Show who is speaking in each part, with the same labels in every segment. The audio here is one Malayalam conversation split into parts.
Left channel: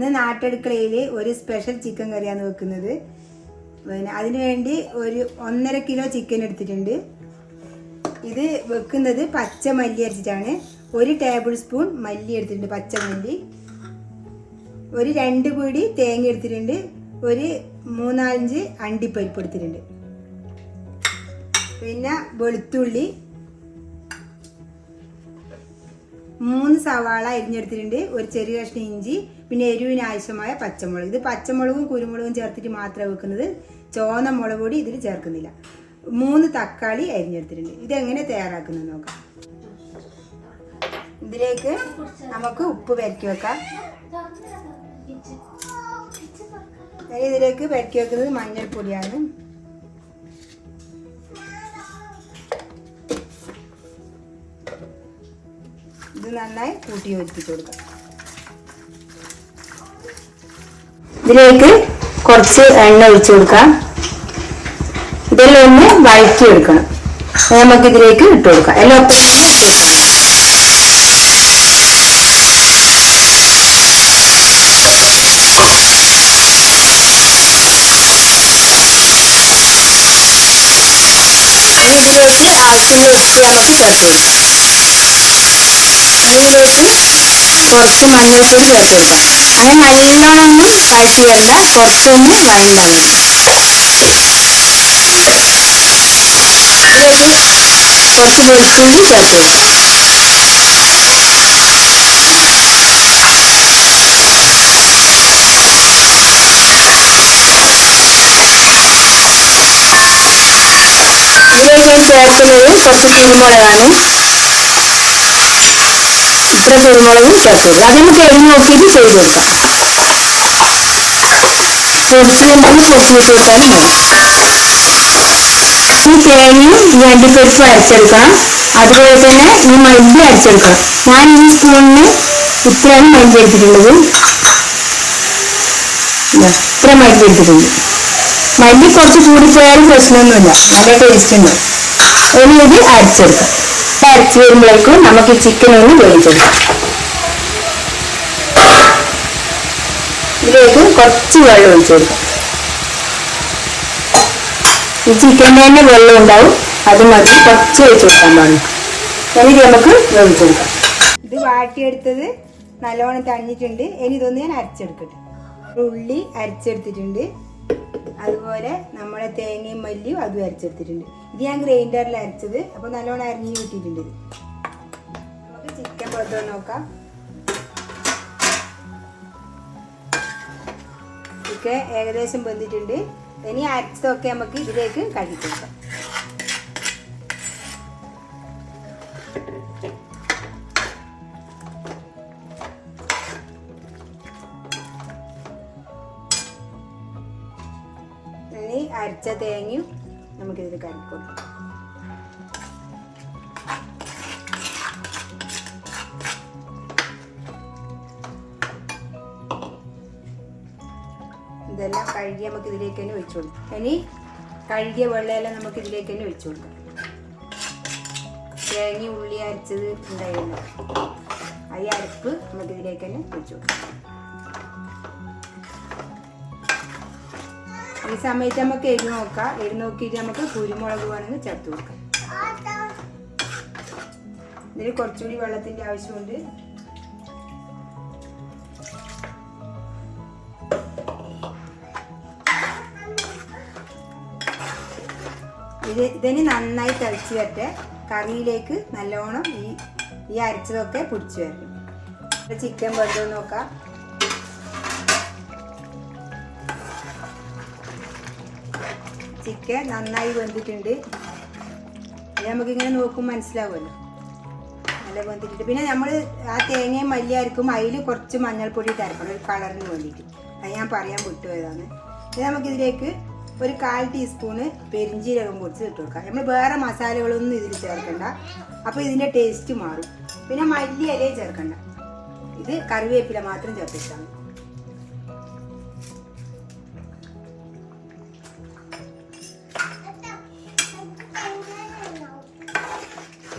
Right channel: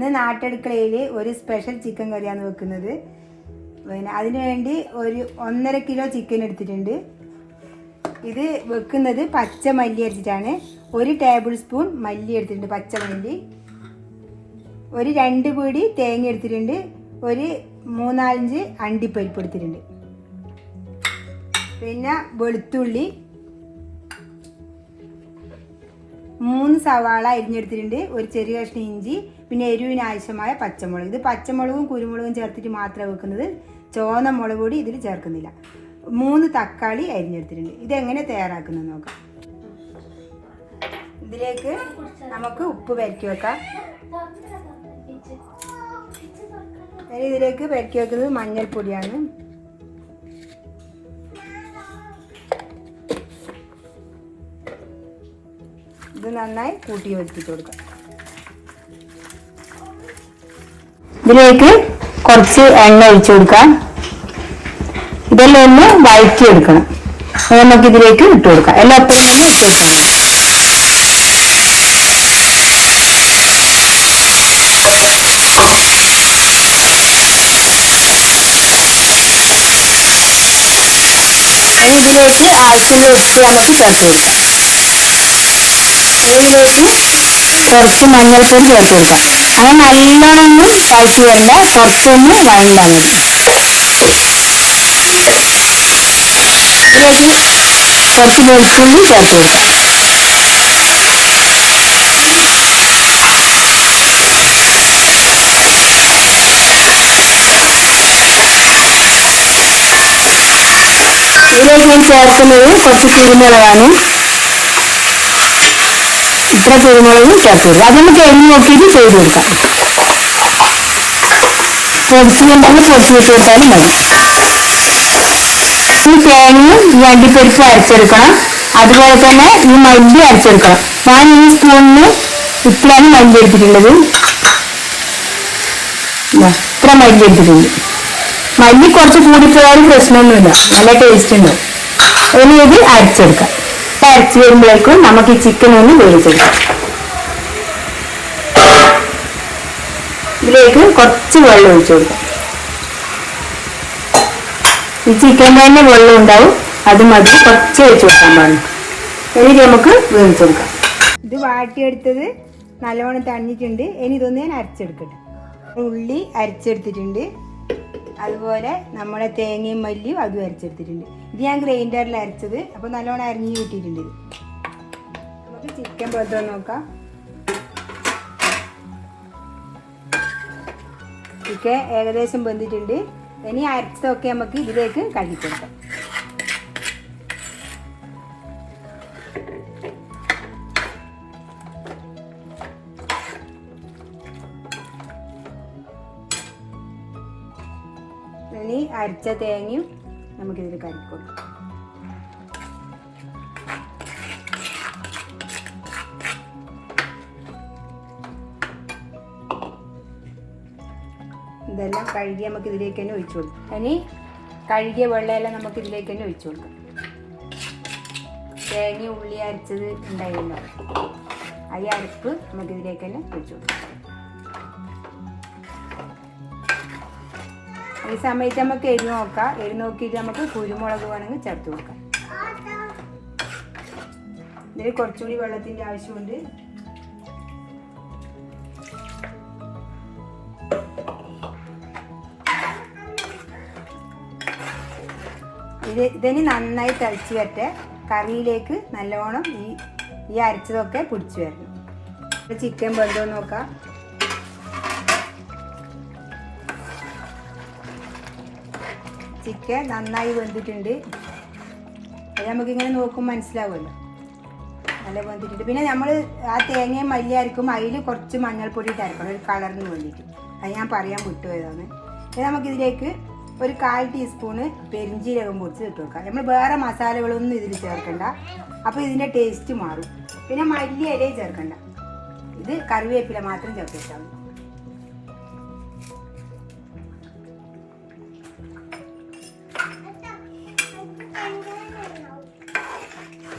Speaker 1: ഇന്ന് നാട്ടടുക്കളയിൽ ഒരു സ്പെഷ്യൽ ചിക്കൻ കറിയാണ് വെക്കുന്നത്. പിന്നെ അതിനുവേണ്ടി ഒരു ഒന്നര കിലോ ചിക്കൻ എടുത്തിട്ടുണ്ട്. ഇത് വെക്കുന്നത് പച്ച മല്ലി അരച്ചിട്ടാണ്. ഒരു ടേബിൾ സ്പൂൺ മല്ലി എടുത്തിട്ടുണ്ട് പച്ച മല്ലി. ഒരു രണ്ട് പിടി തേങ്ങ എടുത്തിട്ടുണ്ട്. ഒരു മൂന്നാലഞ്ച് അണ്ടിപ്പരിപ്പ് എടുത്തിട്ടുണ്ട്. പിന്നെ വെളുത്തുള്ളി മൂന്ന് സവാള അരിഞ്ഞെടുത്തിട്ടുണ്ട്. ഒരു ചെറിയ കഷ്ണം ഇഞ്ചി പിന്നെ എരിവിന് ആവശ്യമായ പച്ചമുളക്. ഇത് പച്ചമുളകും കുരുമുളകും ചേർത്തിട്ട് മാത്രമേ വെക്കുന്നത് ചോന്ന മുളക് പൊടി ഇതിൽ ചേർക്കുന്നില്ല. മൂന്ന് തക്കാളി അരിഞ്ഞെടുത്തിട്ടുണ്ട്. ഇതെങ്ങനെ തയ്യാറാക്കുന്നത് നോക്കാം. ഇതിലേക്ക് നമുക്ക് ഉപ്പ് പെരക്കി വെക്കാം. ഇതിലേക്ക് പെരക്കി വെക്കുന്നത് മഞ്ഞൾപ്പൊടിയാണ്. നന്നായി കൂട്ടി യോജിപ്പിച്ച് കൊടുക്കാം. ഇതിലേക്ക് കുറച്ച് എണ്ണ ഒഴിച്ചു കൊടുക്കാം. ഇതെല്ലാം ഒന്ന് വഴറ്റി എടുക്കണം നമുക്ക് ഇതിലേക്ക് ഇട്ട് കൊടുക്കാം. എല്ലാം ഇതിലേക്ക് ആവശ്യമുള്ള ഉപ്പ് നമുക്ക് ചേർത്ത് കൊടുക്കാം. ഇതിലേക്ക് കുറച്ച് മഞ്ഞൾപ്പൊടി ചേർത്ത് കൊടുക്കാം അത് നല്ലോണം കലക്കിയല്ല കുറച്ചൊന്ന് വഴങ്ങിയാൽ മതി ഇതിലേക്ക് കുറച്ച് വെളുത്തുള്ളി ചേർത്ത് കൊടുക്കാം ഇതിലേക്ക് ചേർക്കുന്നത് കുറച്ച് കുരുമുളകാണ് ഇത്ര കുരുമുളകും ചേർത്ത് കൊടുക്കുക അത് നമുക്ക് എണ്ണ നോക്കിയിട്ട് ചെയ്ത് കൊടുക്കാം. പൊടിച്ചിട്ടുണ്ടെങ്കിൽ പൊടിച്ചിട്ട് കൊടുത്താലും മതി. ഈ തേങ്ങയും ഈ അണ്ടിപ്പരിപ്പും അരച്ചെടുക്കണം. അതുപോലെ തന്നെ ഈ മല്ലി അരച്ചെടുക്കണം. ഞാൻ ഈ സ്പൂണിന് ഇത്രയാണ് മല്ലി എടുത്തിട്ടുള്ളത് ഇതാ, ഇത്ര മല്ലി എടുത്തിട്ടുണ്ട് മല്ലി കുറച്ച് കൂടിപ്പോയാലും പ്രശ്നമൊന്നുമില്ല. നല്ല ടേസ്റ്റ് ഉണ്ട്. ഇനി ഇത് അരച്ചെടുക്കാം. ഇത് അരച്ച് വരുമ്പോഴേക്കും നമുക്ക് ചിക്കൻ ഒന്ന് വേവിച്ചെടുക്കാം. ഇതിലേക്ക് കുറച്ച് വെള്ളം ഒഴിച്ചു കൊടുക്കാം ഈ ചിക്കന്റെ തന്നെ വെള്ളം ഉണ്ടാവും. അത് മതി. കുറച്ച് ഒഴിച്ചു കൊടുക്കാൻ പാടില്ല. എന്നിട്ട് നമുക്ക് വേവിച്ചെടുക്കാം. ഇത് വാട്ടിയെടുത്തത് നല്ലോണം തണിഞ്ഞിട്ടുണ്ട് ഇനി ഇതൊന്ന് ഞാൻ അരച്ചെടുക്കട്ടെ. ഉള്ളി അരച്ചെടുത്തിട്ടുണ്ട്. അതുപോലെ നമ്മളെ തേങ്ങയും മല്ലിയും അതും അരച്ചെടുത്തിട്ടുണ്ട്. ഇത് ഞാൻ ഗ്രൈൻഡറിൽ അരച്ചത് അപ്പോൾ നല്ലോണം അരിഞ്ഞു കിട്ടിയിട്ടുണ്ട്. നമുക്ക് ചിക്കൻ പൊതുവാൻ നോക്കാം. ചിക്കൻ ഏകദേശം വെന്തിട്ടുണ്ട്. ഇനി അരച്ചതൊക്കെ നമുക്ക് ഇതിലേക്ക് കഴുകിക്കൊടുക്കാം. ഇനി അരച്ച തേങ്ങയും നമുക്കിതിൽ കരുക്കൊടുക്കാം ഇതെല്ലാം കഴുകി നമുക്ക് ഇതിലേക്ക് തന്നെ ഒഴിച്ചു കൊടുക്കാം. ഇനി കഴുകിയ വെള്ളമെല്ലാം നമുക്ക് ഇതിലേക്ക് തന്നെ ഒഴിച്ചു കൊടുക്കാം. തേങ്ങ ഉള്ളി അരച്ചത് ഉണ്ടായിരുന്നു ഈ അരപ്പ് നമുക്ക് ഇതിലേക്ക് തന്നെ ഒഴിച്ചു കൊടുക്കാം. ഈ സമയത്ത് നമുക്ക് എരി നോക്കാം. എരി നോക്കിയിട്ട് നമുക്ക് കുരുമുളക് വേണമെങ്കിൽ ചേർത്ത് കൊടുക്കാം. ഇതിൽ കുറച്ചുകൂടി വെള്ളത്തിന്റെ ആവശ്യമുണ്ട്. ഇത് ഇതിന് നന്നായി തളിച്ച് വരട്ടെ. കറിയിലേക്ക് നല്ലോണം ഈ ഈ അരച്ചതൊക്കെ പിടിച്ചു വരണം. ചിക്കൻ വെള്ളം നോക്കാം. ചിക്കൻ നന്നായി വെന്തിട്ടുണ്ട്. അത് നമുക്കിങ്ങനെ നോക്കുമ്പോൾ മനസ്സിലാവുമല്ലോ. നല്ല വെന്തിട്ടുണ്ട്. പിന്നെ നമ്മൾ ആ തേങ്ങയും മല്ലി അരക്കും അതിൽ കുറച്ച് മഞ്ഞൾപ്പൊടി ഇട്ട് ഒരു കളറിന് വേണ്ടിയിട്ട്. അത് ഞാൻ പറയാൻ വിട്ടുപോയതാണ്. ഇനി നമുക്കിതിലേക്ക് ഒരു കാൽ ടീസ്പൂണ് പെരിഞ്ചീരകം പൊടിച്ച് ഇട്ട് കൊടുക്കാം. നമ്മൾ വേറെ മസാലകളൊന്നും ഇതിൽ ചേർക്കണ്ട. അപ്പോൾ ഇതിന്റെ ടേസ്റ്റ് മാറും. പിന്നെ മല്ലി ഇലയും ചേർക്കണ്ട. ഇത് കറിവേപ്പില മാത്രം ചേർത്തിട്ടാൽ മതി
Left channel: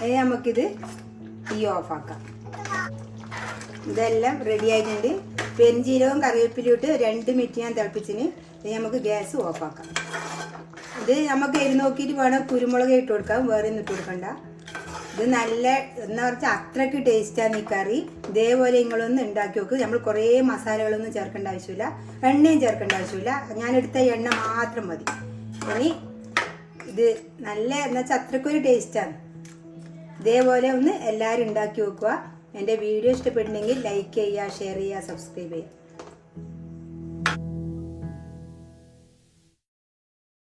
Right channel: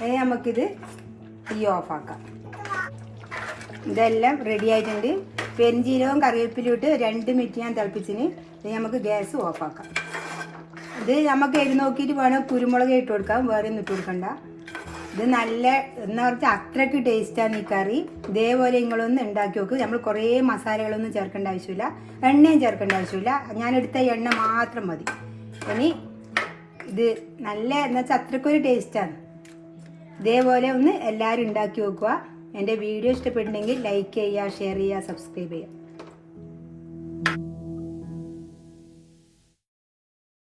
Speaker 1: ഇനി നമുക്കിത് തീ ഓഫാക്കാം. ഇതെല്ലാം റെഡി ആയിട്ടുണ്ട് പെരിഞ്ചീരകവും കറിവേപ്പിലും ഇട്ട് രണ്ട് മിനിറ്റ് ഞാൻ തിളപ്പിച്ചിന്. ഇത് നമുക്ക് ഗ്യാസ് ഓഫാക്കാം. ഇത് നമുക്ക് എരി നോക്കിയിട്ട് വേണം കുരുമുളക് ഇട്ട് കൊടുക്കാം വേറെ ഒന്നും ഇട്ട് കൊടുക്കണ്ട. ഇത് നല്ല എന്താ പറഞ്ഞാൽ അത്രയ്ക്ക് ടേസ്റ്റാണ് ഈ കറി. ഇതേപോലെ നിങ്ങളൊന്ന് ഉണ്ടാക്കി നോക്ക്. നമ്മൾ കുറേ മസാലകളൊന്നും ചേർക്കേണ്ട ആവശ്യമില്ല. എണ്ണയും ചേർക്കേണ്ട ആവശ്യമില്ല. ഞാനെടുത്ത എണ്ണ മാത്രം മതി. ഇനി ഇത് നല്ല എന്താ വെച്ചാൽ അത്രയ്ക്കൊരു ടേസ്റ്റാണ് ഇതേപോലെ ഒന്ന് എല്ലാവരും ഉണ്ടാക്കി നോക്കുക എന്റെ വീഡിയോ ഇഷ്ടപ്പെട്ടിട്ടുണ്ടെങ്കിൽ ലൈക്ക് ചെയ്യുക ഷെയർ ചെയ്യുക സബ്സ്ക്രൈബ് ചെയ്യുക.